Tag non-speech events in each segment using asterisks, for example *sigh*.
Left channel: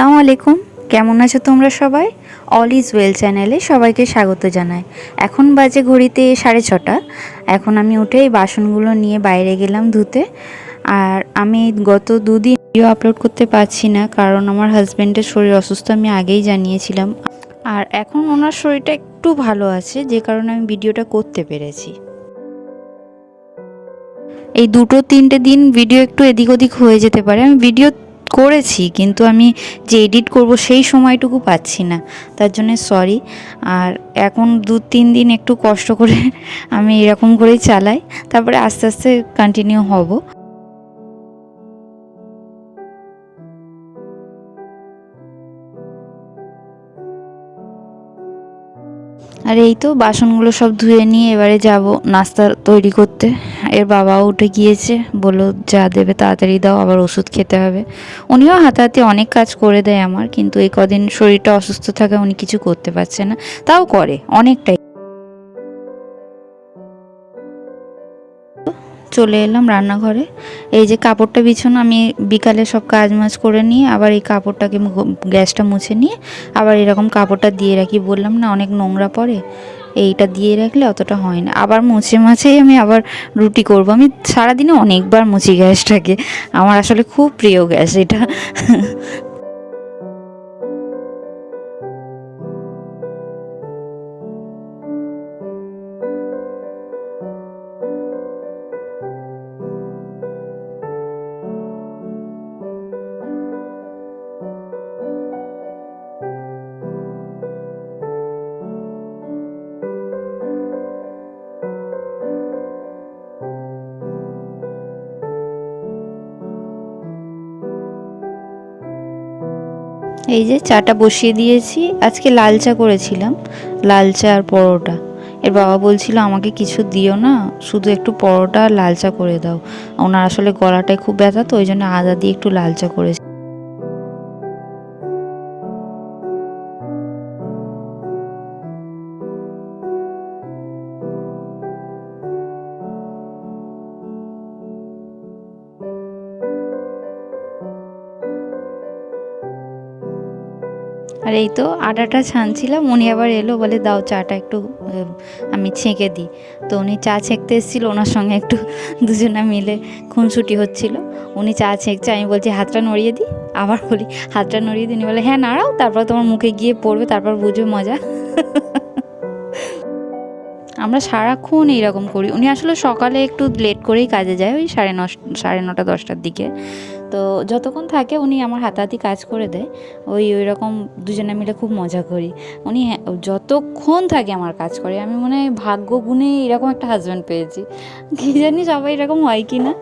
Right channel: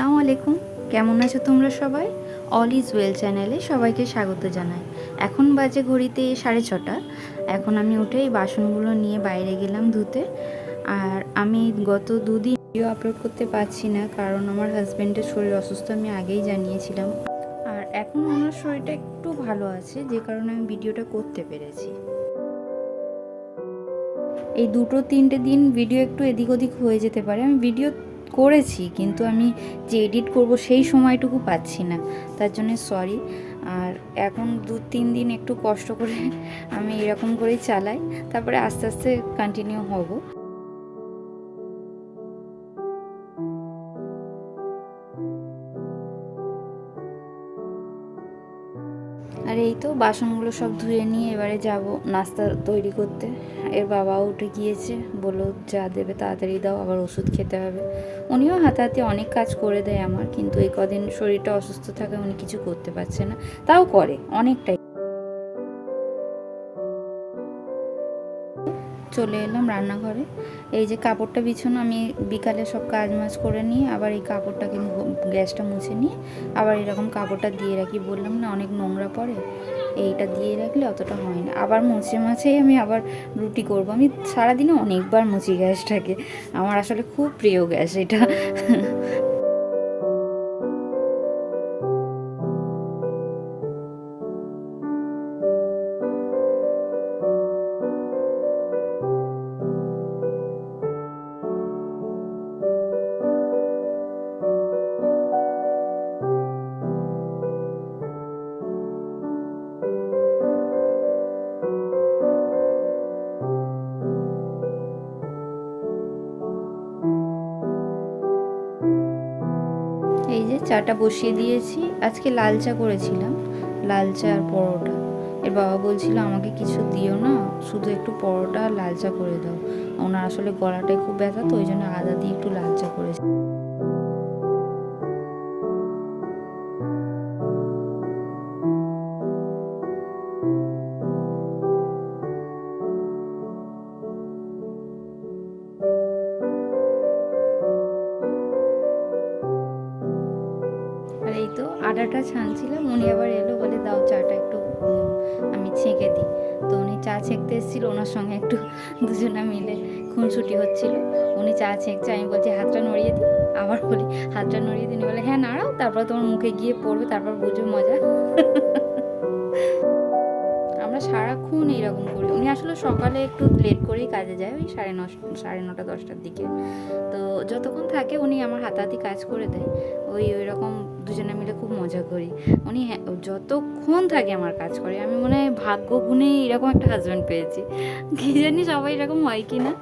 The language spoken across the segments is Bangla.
আসসালামু আলাইকুম। কেমন আছো তোমরা সবাই? অল ইজ ওয়েল চ্যানেলে সবাইকে স্বাগত জানাই। এখন বাজে ঘড়িতে সাড়ে ছটা। এখন আমি উঠে এই বাসনগুলো নিয়ে বাইরে গেলাম ধুতে। আর আমি গত দুদিন ভিডিও আপলোড করতে পারছি না, কারণ আমার হাজব্যান্ডের শরীর অসুস্থ, আমি আগেই জানিয়েছিলাম। আর এখন ওনার শরীরটা একটু ভালো আছে, যে কারণে আমি ভিডিওটা করতে পেরেছি। এই দুটো তিনটে দিন ভিডিও একটু এদিক ওদিক হয়ে যেতে পারে। আমি ভিডিও করেছি, কিন্তু আমি যে এডিট করব সেই সময়টুকু পাচ্ছি না। তার জন্য সরি আর এখন দু তিন দিন একটু কষ্ট করে আমি এরকম করেই চালাই। তারপরে আস্তে আস্তে কন্টিনিউ হব। আর এই তো বাসনগুলো সব ধুয়ে নিয়ে এবারে যাব নাস্তা তৈরি করতে। এর বাবাও উঠে গিয়েছে, বলল, যা দেবে তাড়াতাড়ি দাও, আবার ওষুধ খেতে হবে। উনিও হাতে অনেক কাজ করে দেয় আমার, কিন্তু এই কদিন শরীরটা অসুস্থ থাকা উনি কিছু করতে পারছে না। তাও করে, অনেকটাই। চলে এলাম রান্নাঘরে। এই যে কাপড়টা বিছানো, আমি বিকালে সব কাজ মাজ করে নিয়ে আবার এই কাপড়টাকে গ্যাসটা মুছে নিয়ে আবার এরকম কাপড়টা দিয়ে রাখি। বললাম, না, অনেক নোংরা পড়ে। এইটা দিয়ে রাখলে অতটা হয় না। আবার মুছে মাছেই আমি আবার রুটি করব। আমি সারাদিনে অনেকবার মুছি গ্যাসটাকে। আমার আসলে খুব প্রিয় গ্যাস এটা। এই যে চাটা বসিয়ে দিয়েছি। আজকে লাল চা করেছিলাম, লাল চা আর পরোটা। এর বাবা বলছিল, আমাকে কিছু দিও না, শুধু একটু পরোটা আর লাল চা করে দাও। ওনার আসলে গলাটায় খুব ব্যথা, তো ওই জন্য আদা দিয়ে একটু লাল চা করেছি। আর এই তো আটাটা ছানছিলাম, উনি আবার এলো, বলে, দাও চাটা একটু আমি ছেঁকে দিই। তো উনি চা ছেঁকতে এসেছিল, ওনার সঙ্গে একটু *laughs* দুজনে মিলে খুনসুটি হচ্ছিল। উনি চা ছেঁকছে, আমি বলছি, হাতটা নড়িয়ে দিই? আবার বলি, হাতটা নড়িয়ে দিই? উনি বলে হ্যাঁ নাড়াও, তারপর তোমার মুখে গিয়ে পড়বে, তারপর বুঝবে মজা। *laughs* আমরা সারাক্ষণ এইরকম করি। উনি আসলে সকালে একটু লেট করেই কাজে যায়, ওই সাড়ে নশ, সাড়ে নটা, দশটার দিকে। তো যতক্ষণ থাকে উনি আমার হাতাহাতি কাজ করে দেয়। ওই ওই রকম দুজনে মিলে খুব মজা করি। উনি হ্যাঁ- যতক্ষণ থাকে আমার কাজ করে। আমি মনে হয় ভাগ্য গুণে এরকম একটা হাজব্যান্ড পেয়েছি। কী জানি সবাই এরকম হয় কি না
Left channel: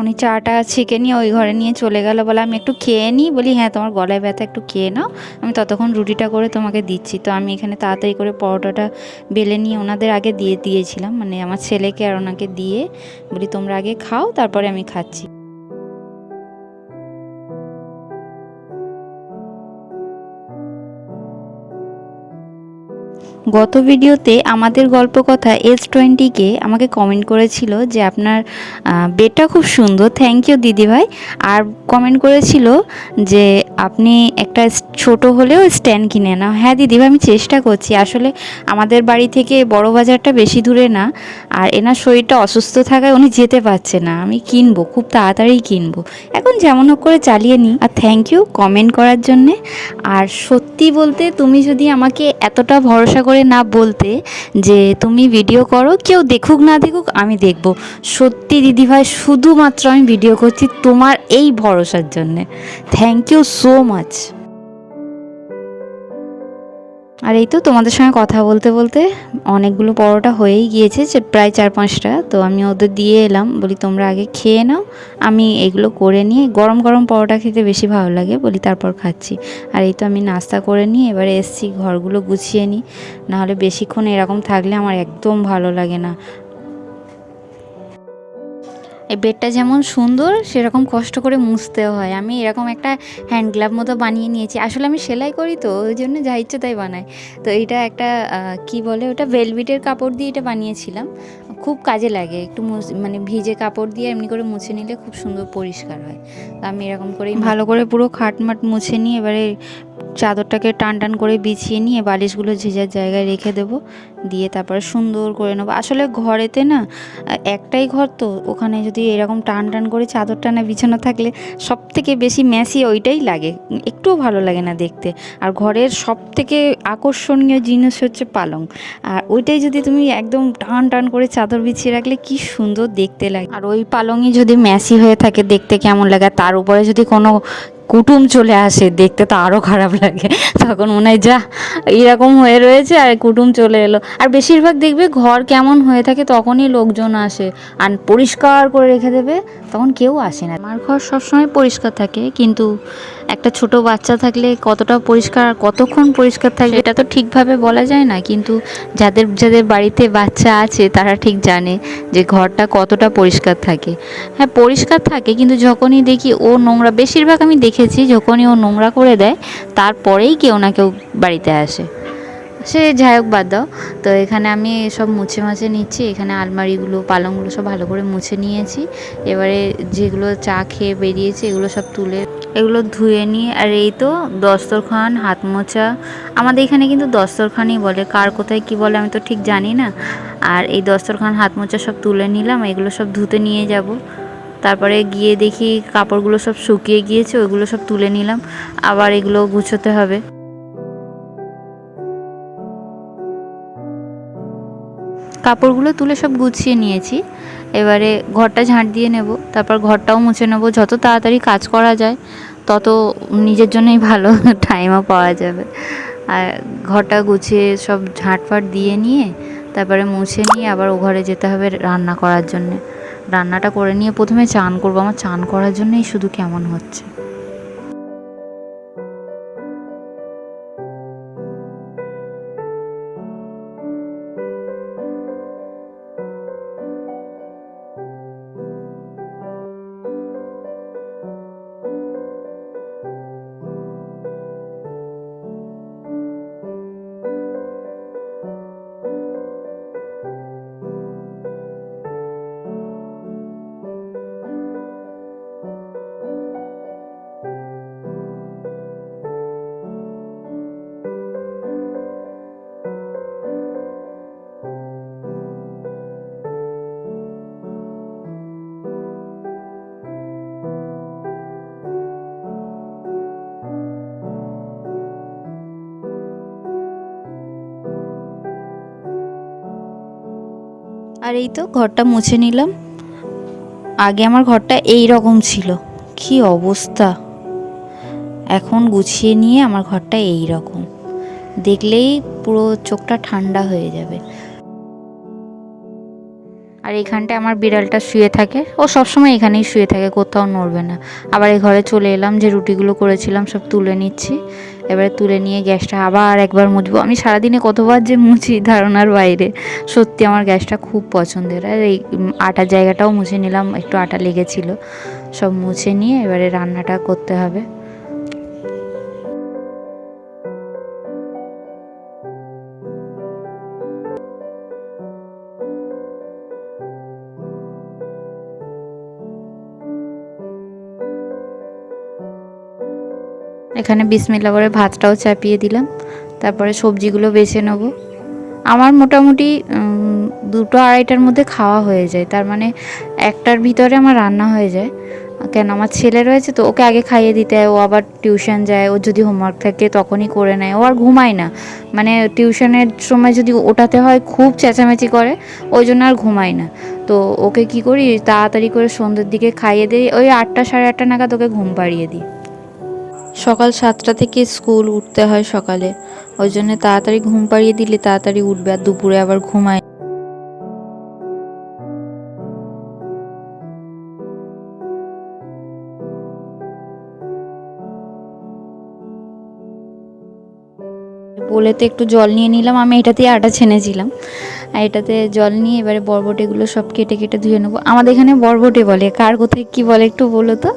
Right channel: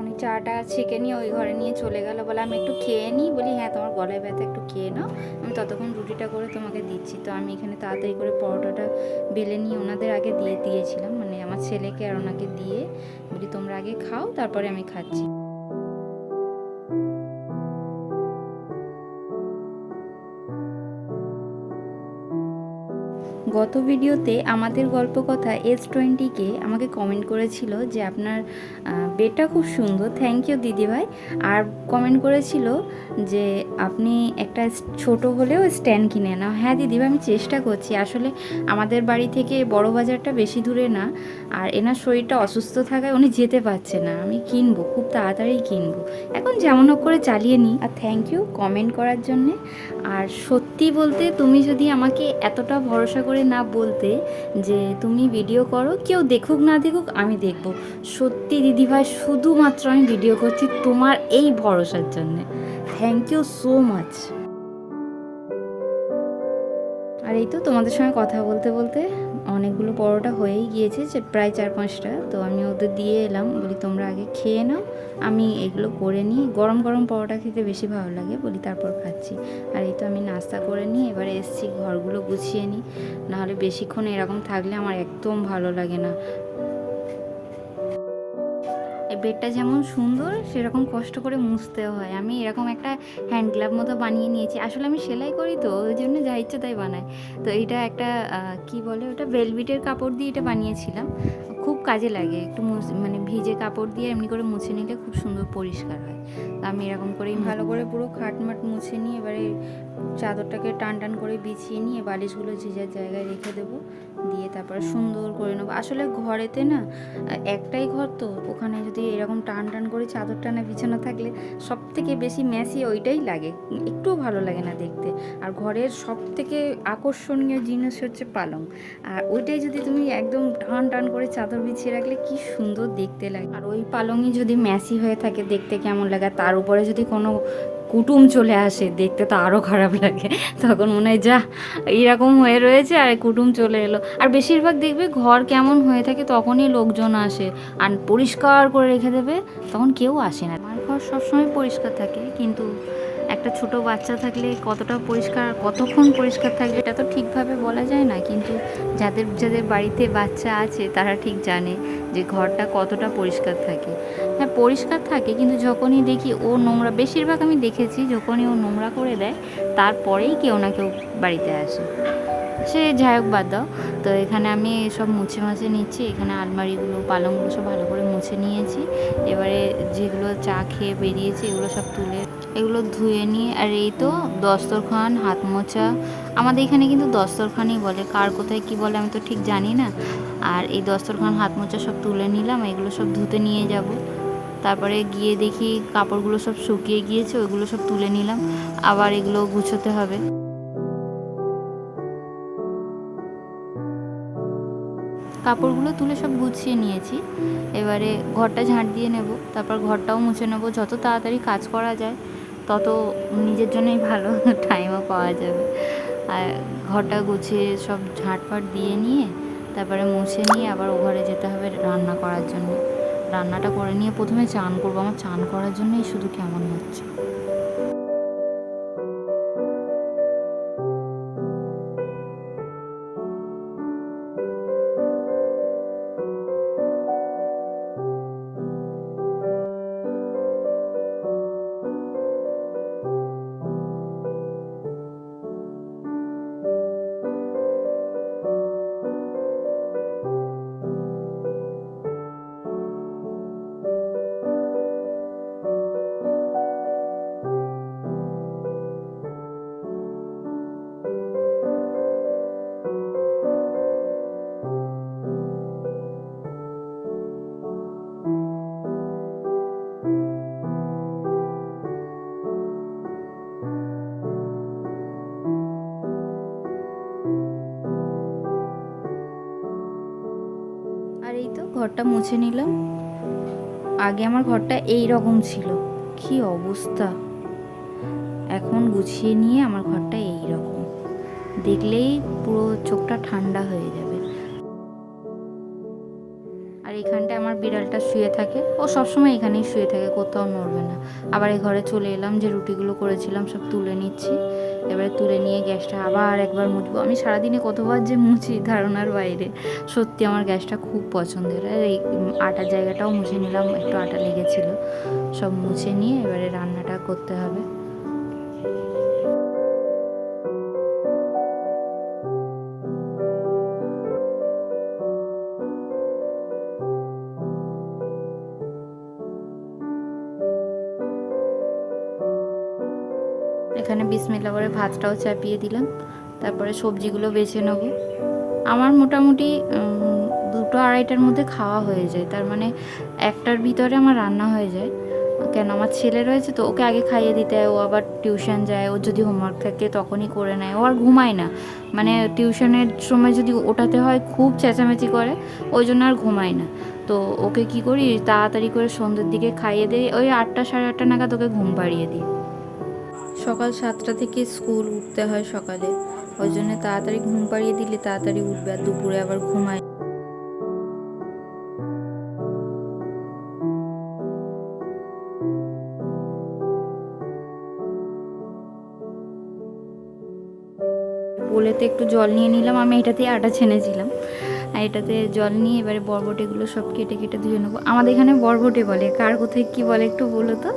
উনি চাটা ছেঁকে নিয়ে ওই ঘরে নিয়ে চলে গেল, বলে আমি একটু খেয়ে নিই। বলি হ্যাঁ তোমার গলায় ব্যথা, একটু খেয়ে নাও। আমি ততক্ষণ রুটিটা করে তোমাকে দিচ্ছি। তো আমি এখানে তাড়াতাড়ি করে পরোটাটা বেলে নিয়ে ওনাদের আগে দিয়ে, দিয়েছিলাম। মানে আমার ছেলেকে আর ওনাকে দিয়ে বলি, তোমরা আগে খাও, তারপরে আমি খাচ্ছি। গত ভিডিওতে আমাদের গল্প কথা এস টোয়েন্টিকে আমাকে কমেন্ট করেছিল যে আপনার বেডটা খুব সুন্দর থ্যাংক ইউ দিদিভাই। আর কমেন্ট করেছিল যে আপনি একটা ছোট হলেও স্ট্যান্ড কিনে নাও। হ্যাঁ দিদিভাই আমি চেষ্টা করছি। আসলে আমাদের বাড়ি থেকে বড় বাজারটা বেশি দূরে না। আর এনার শরীরটা অসুস্থ থাকায় উনি যেতে পারছে না। আমি কিনবো, খুব তাড়াতাড়ি কিনবো। এখন যেমন হোক করে চালিয়ে নিই। আর থ্যাংক ইউ কমেন্ট করার জন্যে। আর সত্যি বলতে তুমি যদি আমাকে এতটা ভরসা করে না বলতে যে তুমি ভিডিও করো, কেউ দেখুক না দেখুক, আমি দেখব। সত্যি দিদিভাই শুধুমাত্র আমি ভিডিও করছি তোমার এই ভরসার জন্যে। থ্যাংক ইউ সো মাচ আর এই তো তোমাদের সঙ্গে কথা বলতে বলতে অনেকগুলো পরোটা হয়েই গিয়েছে, যে প্রায় চার পাঁচটা। তো আমি ওদের দিয়ে এলাম, বলি, তোমরা আগে খেয়ে নাও। আমি এগুলো করে নিয়ে গরম গরম পরোটা খেতে বেশি ভালো লাগে, বলি, তারপর খাচ্ছি। আর এই তো আমি নাস্তা করে নিয়ে এবারে এসছি, ঘরগুলো গুছিয়ে নিই। নাহলে বেশিক্ষণ এরকম থাকলে আমার একদম ভালো লাগে না। এই বেডটা যেমন সুন্দর সেরকম কষ্ট করে মুছতেও হয়। আমি এরকম একটা হ্যান্ড গ্লাভ মতো বানিয়ে নিয়েছি। আসলে আমি সেলাই করি তো ওই জন্য যা ইচ্ছে তাই বানাই। তো এটা একটা কি বলে ওটা? ভেলভিটের কাপড় দিয়ে এটা বানিয়েছিলাম। খুব কাজে লাগে। একটু মানে ভিজে কাপড় দিয়ে এমনি করে মুছে নিলে খুব সুন্দর পরিষ্কার হয়। তো আমি এরকম করেই ভালো করে পুরো খাটমাট মুছে নিয়ে এবারে চাদরটাকে টান টান করে বিছিয়ে নিয়ে বালিশগুলো যে জায়গায় রেখে দেবো দিয়ে তারপরে সুন্দর করে নেব। আসলে ঘরেতে না, একটাই ঘর তো, ওখানে যদি এরকম টান টান করে চাদর টানা বিছানো থাকলে সব থেকে বেশি ম্যাসি ওইটাই লাগে। একটুও ভালো লাগে না দেখতে। আর ঘরের সব থেকে আকর্ষণীয় জিনিস হচ্ছে পালং। আর ওইটাই যদি তুমি একদম টান টান করে চাদর বিছিয়ে রাখলে কি সুন্দর দেখতে লাগে। আর ওই পালংই যদি ম্যাসি হয়ে থাকে দেখতে কেমন লাগে তার উপরে যদি কোনো কুটুম চলে আসে দেখতে তো আরও খারাপ লাগে। তখন মনে হয়, যা, এরকম হয়ে রয়েছে আর কুটুম চলে এলো। আর বেশিরভাগ দেখবে ঘর কেমন হয়ে থাকে তখনই লোকজন আসে। আর পরিষ্কার করে রেখে দেবে, তখন কেউ আসে না। আমার ঘর সবসময় পরিষ্কার থাকে, কিন্তু একটা ছোট বাচ্চা থাকলে কতটা পরিষ্কার কতক্ষণ পরিষ্কার থাকে এটা তো ঠিকভাবে বলা যায় না, কিন্তু যাদের যাদের বাড়িতে বাচ্চা আছে তারা ঠিক জানে যে ঘরটা কতটা পরিষ্কার থাকে। হ্যাঁ পরিষ্কার থাকে, কিন্তু যখনই দেখি ও নোংরা, বেশিরভাগ আমি দেখেছি যখনই ও নোংরা করে দেয়, তারপরেই কেউ না কেউ বাড়িতে আসে। সে যাই হোক বাদ দাও। তো এখানে আমি সব মুছে মাছে নিচ্ছি। এখানে আলমারিগুলো, পালংগুলো সব ভালো করে মুছে নিয়েছি। এবারে যেগুলো চা খেয়ে বেরিয়েছে, এগুলো সব তুলে, এগুলো ধুয়ে নিয়ে আর এই তো দস্তরখান, হাত মোছা। আমাদের এখানে কিন্তু দস্তরখানই বলে। কার কোথায় কি বলে আমি তো ঠিক জানি না। আর এই দস্তরখান, হাত মোছা সব তুলে নিলাম। এগুলো সব ধুতে নিয়ে যাব। তারপরে গিয়ে দেখি কাপড়গুলো সব শুকিয়ে গিয়েছে, ওইগুলো সব তুলে নিলাম। আবার এগুলো গুছোতে হবে। কাপড়গুলো তুলে সব গুছিয়ে নিয়েছি। এবারে ঘরটা ঝাঁট দিয়ে নেব, তারপর ঘরটাও মুছে নেব। যত তাড়াতাড়ি কাজ করা যায়, তত নিজের জন্যই ভালো *laughs* টাইমও পাওয়া যাবে। আর ঘরটা গুছিয়ে সব ঝাঁটফাট দিয়ে নিয়ে, তারপরে মুছে নিয়ে আবার ও ঘরে যেতে হবে রান্না করার জন্যে। রান্নাটা করে নিয়ে প্রথমে চান করব। আমার চান করার জন্যই শুধু কেমন হচ্ছে। আর এই তো ঘরটা মুছে নিলাম। আগে আমার ঘরটা এই রকম ছিল। কি অবস্থা? এখন গুছিয়ে নিয়ে আমার ঘরটা এই রকম। দেখলেই পুরো চোখটা ঠান্ডা হয়ে যাবে। এখানটায় আমার বিড়ালটা শুয়ে থাকে। ও সবসময় এখানেই শুয়ে থাকে, কোথাও নড়বে না। আবার এই ঘরে চলে এলাম, যে রুটিগুলো করেছিলাম সব তুলে নিচ্ছি। এবারে তুলে নিয়ে গ্যাসটা আবার একবার মুছবো। আমি সারাদিনে কতবার যে মুছি ধারণার বাইরে। সত্যি আমার গ্যাসটা খুব পছন্দের। আর এই আটার জায়গাটাও মুছে নিলাম, একটু আটা লেগেছিল। সব মুছে নিয়ে এবারে রান্নাটা করতে হবে। এখানে বিসমিল্লা করে ভাতটাও চাপিয়ে দিলাম। তারপরে সবজিগুলো বেছে নেব। আমার মোটামুটি দুটো আড়াইটার মধ্যে খাওয়া হয়ে যায়। তার মানে একটার ভিতরে আমার রান্না হয়ে যায়। কেন আমার ছেলে রয়েছে তো ওকে আগে খাইয়ে দিতে হয়। ও আবার টিউশন যায়। ও যদি হোমওয়ার্ক থাকে তখনই করে নেয়। ও আর ঘুমায় না। মানে টিউশনের সময় যদি ওঠাতে হয় খুব চেঁচামেচি করে, ওই জন্য আর ঘুমায় না। তো ওকে কি করি, তাড়াতাড়ি করে সন্ধ্যের দিকে খাইয়ে দিই। ওই আটটা সাড়ে আটটা নাগাদ ওকে ঘুম পাড়িয়ে দিই। সকাল সাতটা থেকে স্কুল উঠতে হয় সকালে। ওই জন্য তাড়াতাড়ি ঘুম পাড়িয়ে দিলে তাড়াতাড়ি উঠবে আর দুপুরে আবার ঘুমায়। বলেতে একটু জল নিয়ে নিলাম, আমি এটাতেই আটা ছেনেছিলাম আর এটাতে জল নিয়ে এবারে বরবটিগুলো সব কেটে কেটে ধুয়ে নেব। আমাদের এখানে বরবটি বলে, কার কোথায় কি বলে একটু বলো তো?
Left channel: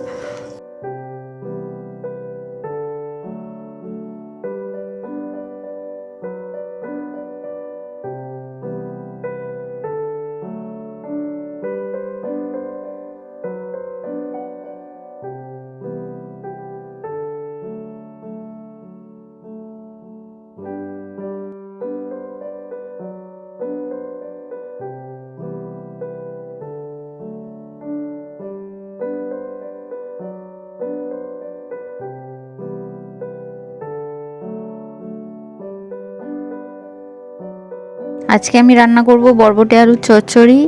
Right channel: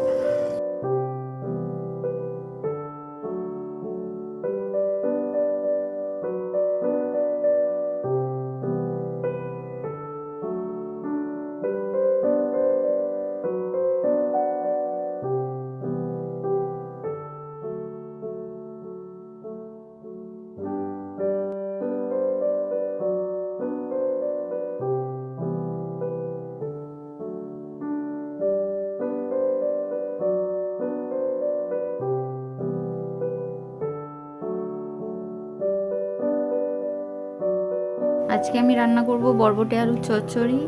আজকে আমি রান্না করব বরবটি আলুর চচ্চড়ি,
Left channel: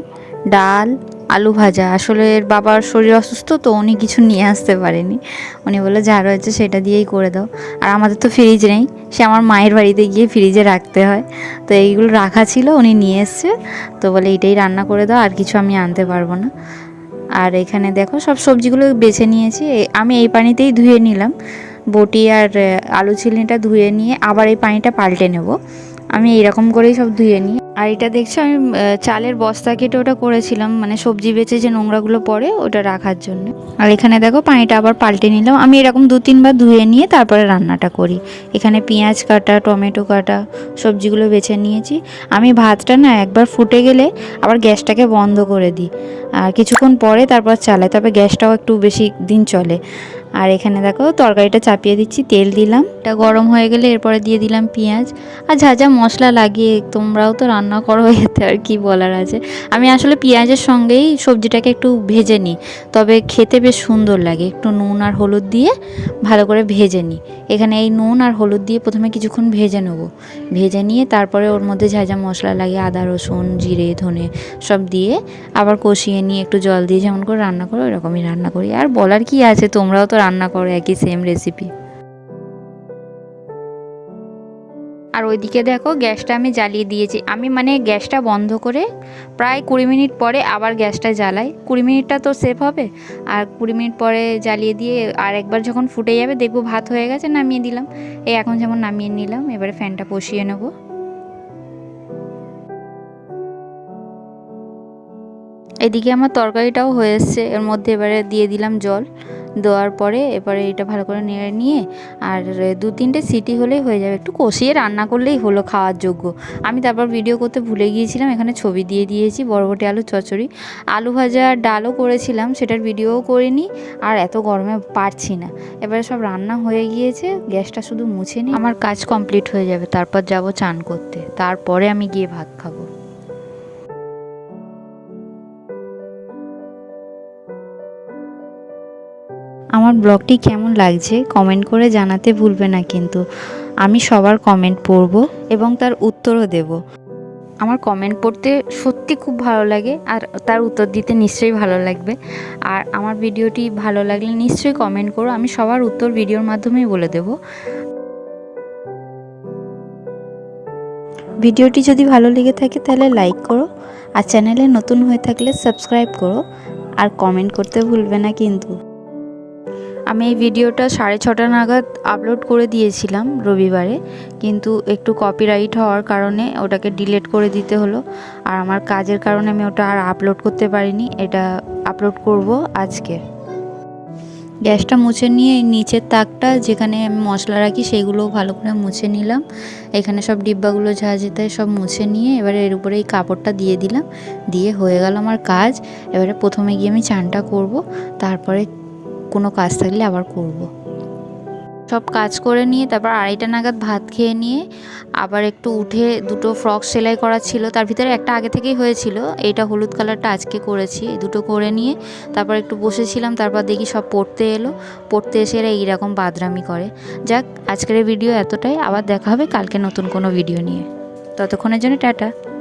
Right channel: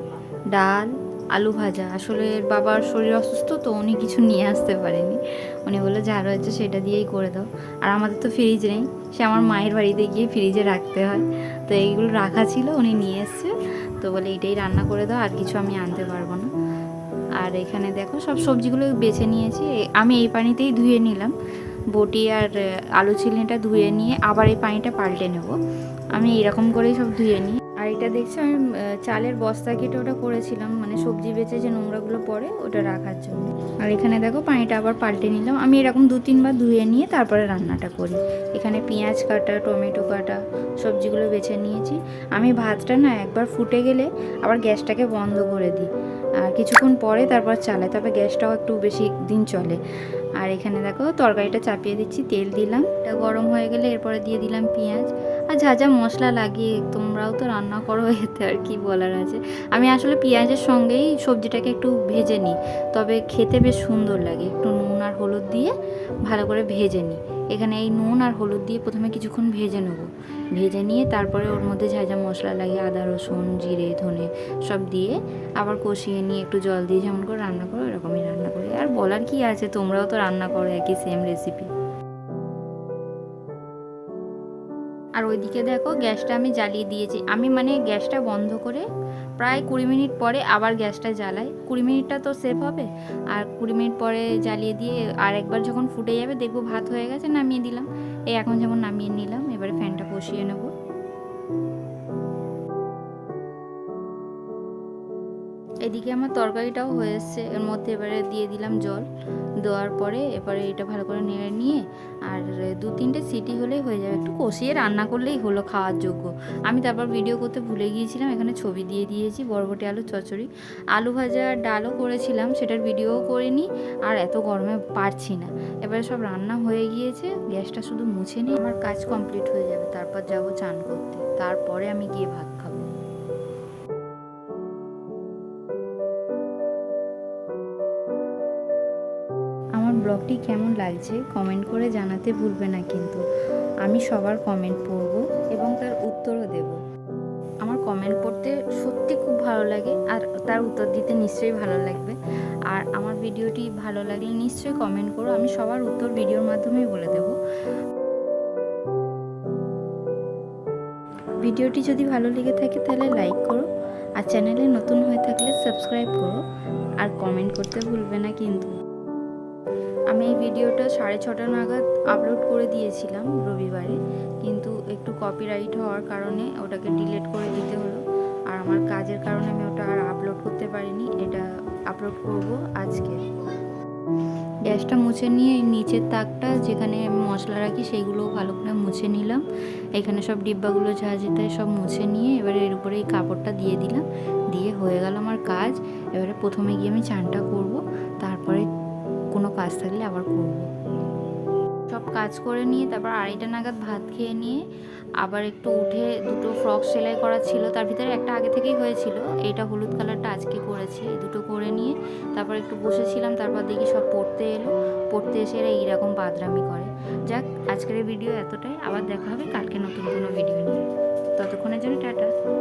ডাল, আলু ভাজা। আসলে বাবার শরীর অসুস্থ, তো উনি কিছু নিয়ে আসতে পারেনি। উনি বলে যা রয়েছে সেটা দিয়েই করে দাও। আর আমাদের তো ফ্রিজ নেই, সে আমার মায়ের বাড়িতে গিয়ে ফ্রিজে রাখতে হয়। তো এইগুলো রাখা ছিল, উনি নিয়ে এসছে। তো বলে এটাই রান্না করে দাও, আর কিছু আমি আনতে পারব না। আর এখানে দেখো, সব সবজিগুলো বেছে নিয়েছি। আমি এই পানিতেই ধুয়ে নিলাম। বটি আর আলু চিলিটা ধুয়ে নিয়ে আবার এই পানিটা পাল্টে নেব। আমি এরকম করেই সব ধুয়ে নিই। আর এটা দেখছ, আমি চালের বস্তা কেটে ওটা করেছিলাম মানে সবজি বেচে যে নোংরাগুলো পড়ে ওটা রাখার জন্য। আর এখানে দেখো, পানিটা আবার পাল্টে নিলাম। আমি এরকম দু তিনবার ধুয়ে নিয়ে তারপরে রান্নাটা করি। এখানে পেঁয়াজ কাটা, টমেটো কাটা, সবজিগুলো বেছে নিয়েছি। আমি ভাতটা না একবার ফুটে গেলে আবার গ্যাসটাকে বন্ধ করে দিই। আর কিছুক্ষণ পরে তারপর চালাই তবে গ্যাসটাও একটু বেশি দিন চলে। আর এখানে দেখো তরকারিটা চাপিয়ে দিচ্ছি, তেল দিলাম। এটা গরম হয়ে গেলে এরপরে দিয়ে দিলাম পেঁয়াজ। আর যা যা মশলা লাগিয়ে তোমরাও তো রান্না করো, *laughs* এতে আর কি বলার আছে। আমি আসলে পেঁয়াজের সঙ্গেই সবজিটাকে একটু ভেজে নিই, তবে খেতে বেশ সুন্দর লাগে। একটু নুন আর হলুদ দিয়ে ভালো করে ভেজে নিই। এখানে এই নুন আর হলুদ দিয়ে প্রথমে কিছুক্ষণ ভেজে নেব। ভেজে নিয়ে তারপরে ওর মধ্যে যা যা মশলা লাগে, আদা, রসুন, জিরে, ধনে সব দিয়ে আবার কষিয়ে নিয়ে একটু জল দিয়ে যেমন করে রান্না করো, ওইরকমই রান্না করি। আর বলার কি আছে? তোমরাও তো রান্না করো একই সেম রেসিপি আর ওইদিকে দেখো গ্যাসটা আমি জ্বালিয়ে দিয়েছি। আমি মানে গ্যাসটা বন্ধ করে প্রায় কুড়ি মিনিট পরে আবার গ্যাসটা জ্বালাই। কুড়ি মিনিটটা তো সেভ হবে। আর কুড়ি মিনিট পরে জ্বালিয়ে দিয়ে আর একবার যখন ফুটে যাবে দেখব ভাত হয়ে গেছে, নামিয়ে দিলাম। এই এখন যেমন নামিয়ে নিলাম, এবারে ফ্যানটা বসিয়ে নেব। এদিকে আমার তরকারিটাও হয়ে এসছে, এর মধ্যে এবারে দিয়ে দিলাম জল। দেওয়ার পরে এবারে এটা ভালো করে নেড়ে নিয়ে আর দু তিনটে সিটি হলেই হয়ে যাবে। একটু কষিয়ে রান্না করলেই হলো খাওয়ার যোগ্য। আমি তারপর ভিডিও করতে ভুলে গিয়েছিলাম, এখানে ছবি দিয়ে দিয়েছি, বরবটি আলু চচ্চড়ি। আলু ভাজা ডালও করেছিলাম, সেটার ভিডিওও করিনি, আর এত গরমে পারছি না। এবারে সব রান্না হয়ে গিয়েছে, গ্যাসটা শুধু মুছে নিই আমার কাজ কমপ্লিট হয়ে যাবে, তারপর যাব চান করতে। তারপরে আমি গিয়ে ভাত খাব। আমার ব্লগটি কেমন লাগছে কমেন্ট করে জানাতে ভুলবে না কিন্তু। আমি সবার কমেন্ট পড়ব এবং তার উত্তরও দেব। আমার কমেন্ট পড়তে সত্যি খুব ভালো লাগে আর তার উত্তর দিতে নিশ্চয়ই ভালো লাগবে। আর আমার ভিডিওটি ভালো লাগলে নিশ্চয়ই কমেন্ট করো, আমি সবার উত্তর ভিডিওর মাধ্যমেই বলে দেব। ভিডিওটি যদি ভালো লেগে থাকে তাহলে লাইক করো আর চ্যানেলে নতুন হয়ে থাকলে সাবস্ক্রাইব করো। আর কমেন্ট করতে ভুলবে না কিন্তু। আমি এই ভিডিওটা সাড়ে ছটা নাগাদ আপলোড করে দিয়েছিলাম রবিবারে, কিন্তু একটু কপিরাইট হওয়ার কারণে ওটাকে ডিলিট করে দিতে হলো। আর আমার কাজের কারণে আমি ওটা আর আপলোড করতে পারিনি, এটা আপলোড করব আজকে। গ্যাসটা মুছে নিয়ে নিচের তাকটা যেখানে আমি মশলা রাখি সেইগুলোও ভালো করে মুছে নিলাম। এখানে সব ডিব্বাগুলো যা যেতে সব মুছে নিয়ে এবারে এর উপরে এই কাপড়টা দিয়ে দিলাম। দিয়ে হয়ে গেল আমার কাজ। এবারে প্রথমে গিয়ে আমি চানটা করব, তারপরে কোনো কাজ থাকলে আবার করব। সব কাজ করে নিয়ে তারপর আড়াইটা নাগাদ ভাত খেয়ে নিয়ে আবার একটু উঠে দুটো ফ্রক সেলাই করা ছিল। তার ভিতরে একটা আগে থেকেই হয়েছিল। এইটা হলুদ কালারটা আজকে করেছি। দুটো করে নিয়ে তারপর একটু বসেছিলাম। তারপর দেখি সব পড়তে এলো। পড়তে এসে এরা এইরকম বাদরামি করে। যাক, আজকের ভিডিও এতটাই। আবার দেখা হবে কালকে নতুন কোনো ভিডিও নিয়ে। ততক্ষণের জন্য টাটা।